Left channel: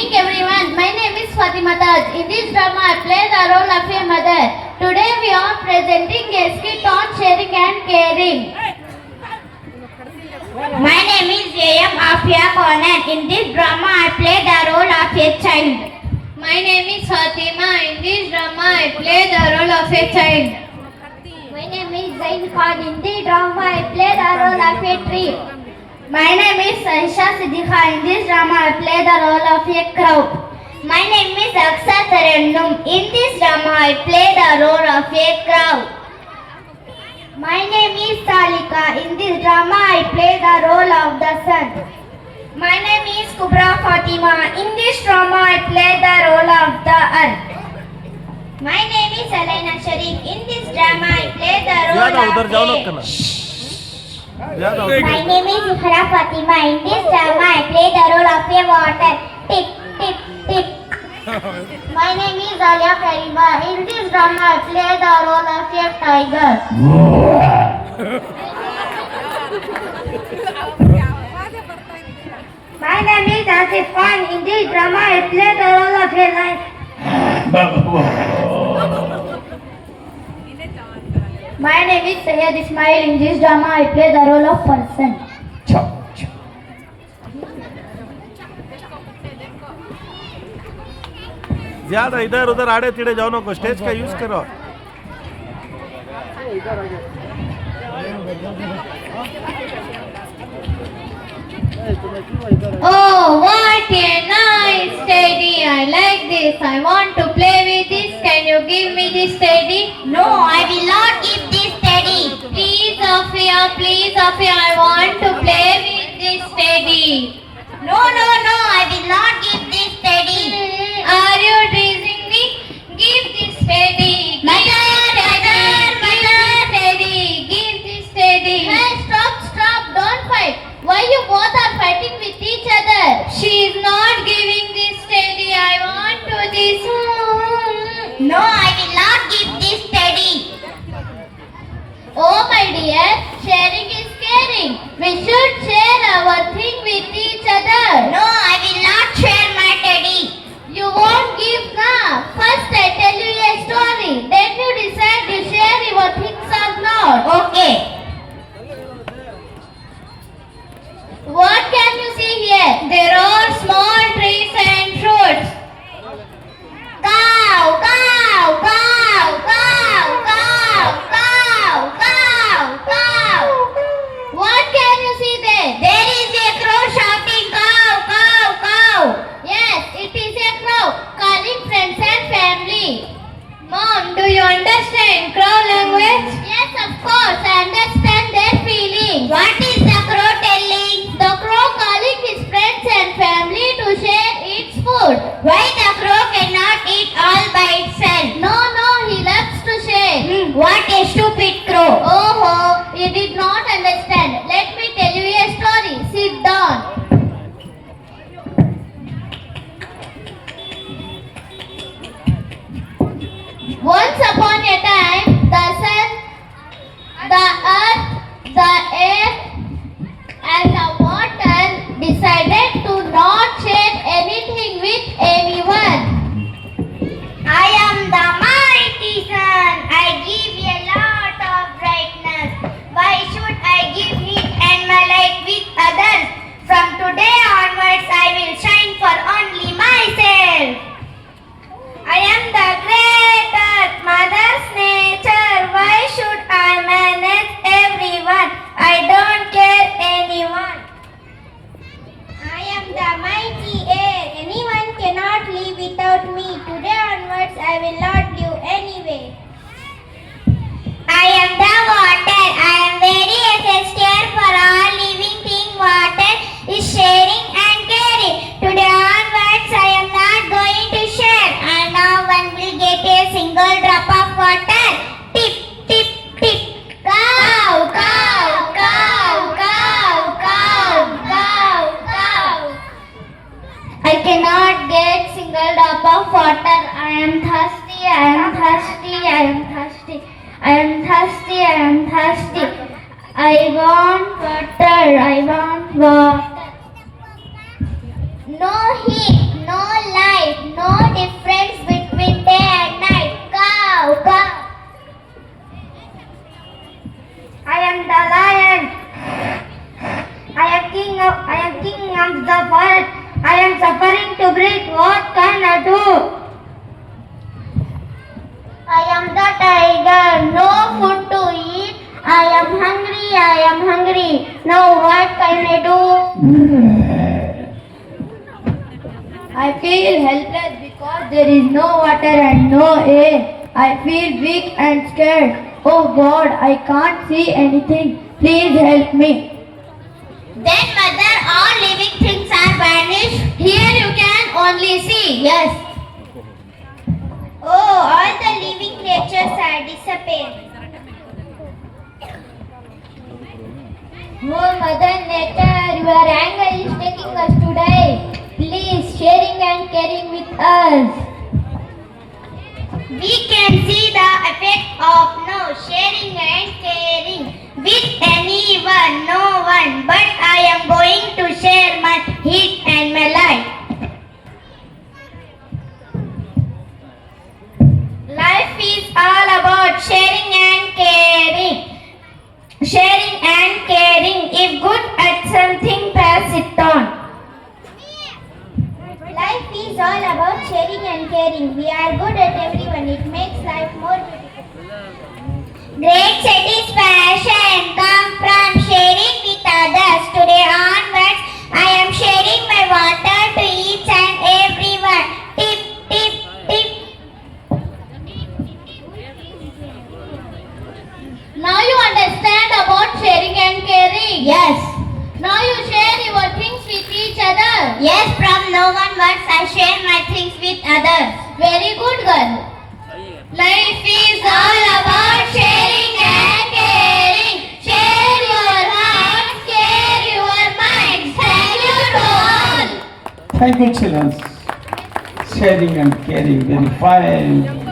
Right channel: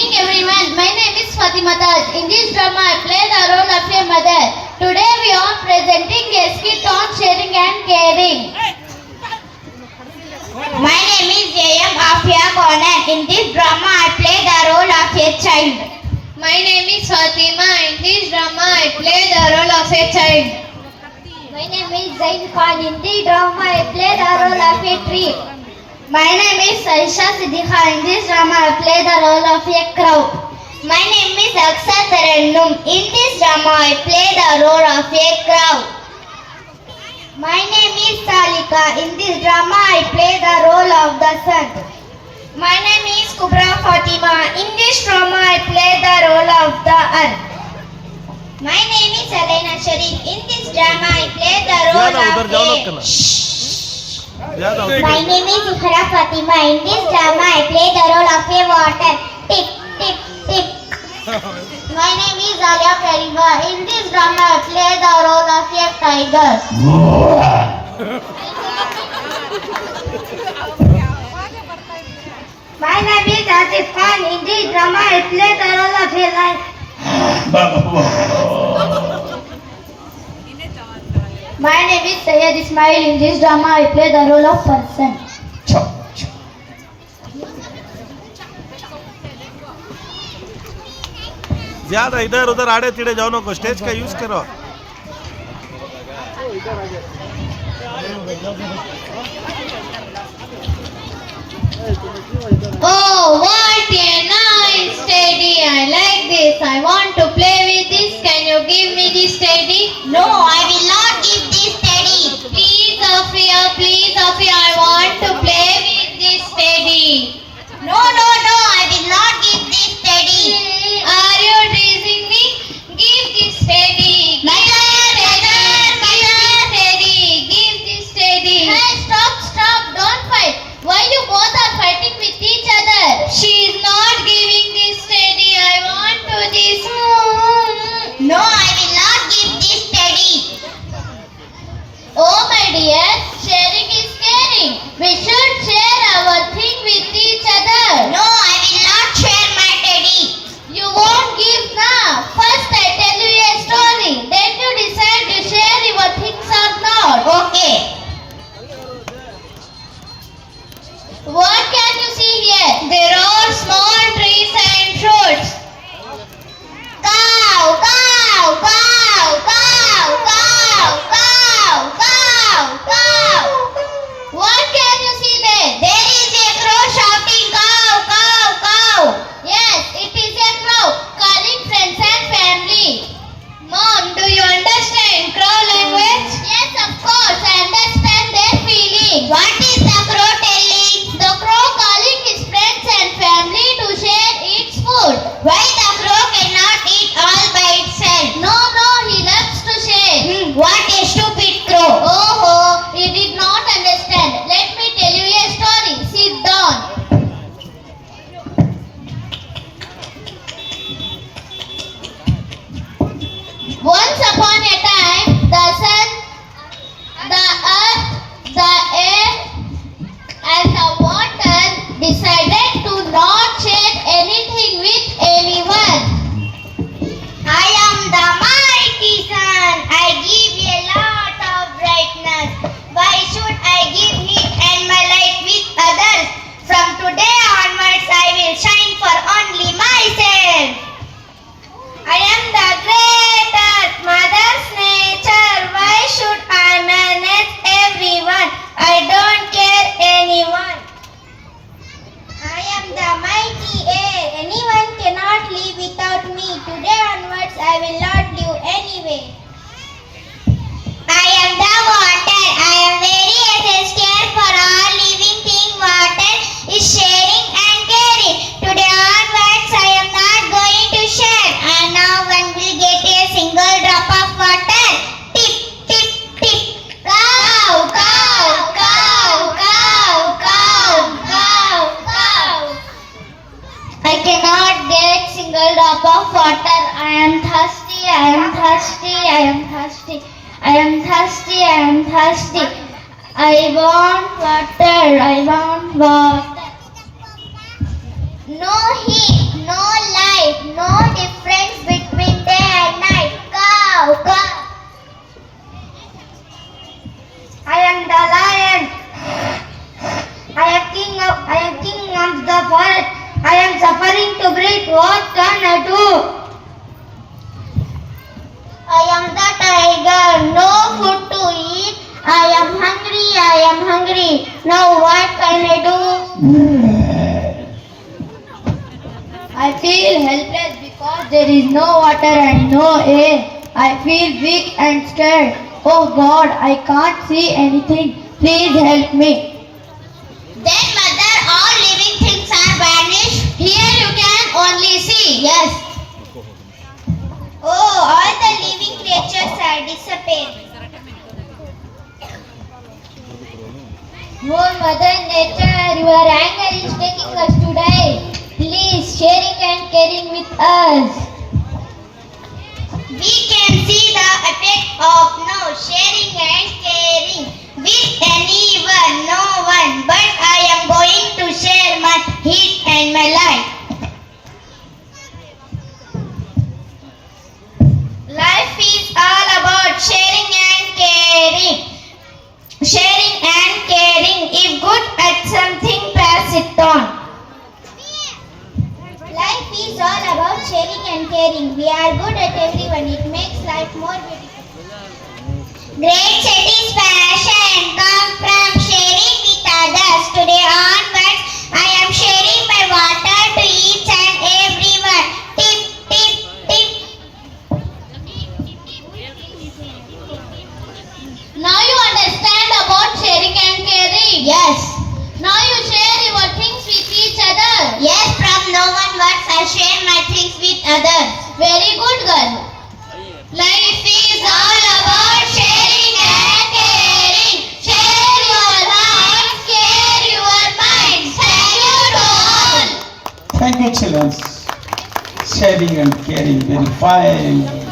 evening, everyone. My name is Fatima Taj. In this drama, I play the role of your mother. Today, we are presenting a skit on sharing and caring. My name is J.M. Afia Conan. In this drama, I play the role of a child. My name is Fatima. In this drama, I play the role of a child. My name is Zain Khan. In this drama, I play the role of a tree. My name is Sarisha Siddiqa. In this drama, I play the role of a crow. My name is Aksa Tarannum. In this drama, I play the role of a crow. My name is Salika. In this drama, I play the role of the sun. My name is Kubra Fatima. In this drama, I play the role of the earth. My name is Elena Sharif. In this drama, I play the role of My name is Ikhra Fatima. In this drama, I play the role of a water. Tick, tick, tick. My name is Alia Karima. In this drama, I play the role of a tiger. My name is Asif Khan. In this drama, I play the role of a lion. My name is Syed Ismail. In this drama, I play the role of person. ज्यादा इधर उधर आड़े तिड़े जाओ नको, stage का use करो. Oh, what a nice teddy! I like this. I want to play with this. Can you give me this teddy? No, I will not give this teddy. Please, Afia, I want to play with this teddy. No, I will not give this teddy. Are you teasing me? Give this teddy. Teddy. Give this teddy. Hey, stop. Don't fight. Why you both are fighting with each other? She is not giving this teddy. I want to this. No, I will not give this teddy. Oh my dear, sharing is caring. We should share our thing with each other. No, I will not share my teddy. You won't give now. First I tell you a story. Then you decide to share your things or not. Okay. What can you see here? There are small trees and fruits. Cow. What can you see there? There is a crow shouting cow. Yes, it is a crow calling friends and family. Mom, do you understand crow language? Yes, of course. I understand their feelings. What is the crow telling? The crow calling his friends and family to share its food. Why the crow cannot eat all by itself? No, he loves to share. What a stupid crow. Oh, you did not understand. Let me tell you a story. Sit down. Once upon a time, the sun, the earth, the air, and the water decided to not share anything with anyone. I am the mighty sun. I give a lot of brightness. Why should I give heat and my light with others? From today onwards, I will shine for only myself. I am the great earth, mother's nature. Why should I manage everyone? I don't care anyone. I am the mighty air. Anyone cannot live without me. Today onwards, I will not live anyway. I am the water. I am very essential for all living thing. Water is sharing and caring. Today onwards, I am not going to share. And now one will get a single drop of water. Tip, tip, tip. Cow. I cannot get single drop of water. I am thirsty. I want water. No heat, no breathe. What can I do? I am the tiger. No food to eat. I am hungry. I am hungry. Now what can I do? I feel helpless because there is no water and no air. I feel weak and scared. Oh God, I can't see anything. Please help me. Then mother, all living things are vanished. Here you can only see. Yes. Oh, all the living creatures are disappeared. Oh Mother Nature, your anger is taking us to die. Please, sharing and caring with us. We can see the effect of no sharing and caring with anyone, no one. But I am going to share my heat and my life. Life is all about sharing and caring. Sharing and caring. If good at something, pass it on. Life is all about sharing and caring. We are good at everyone. It makes life more beautiful. Great satisfaction comes from sharing with others. Today onwards, I am sharing my water to each and everyone. Tip, tip, tip. Now you understand about sharing and caring. Yes. Now you share your things with each other. Yes, from no one words I share my things with others. Very good girl. Life is all about sharing and caring. Share your heart, care your mind. Thank you to all. Thank you, children. Sharing and caring, very fine.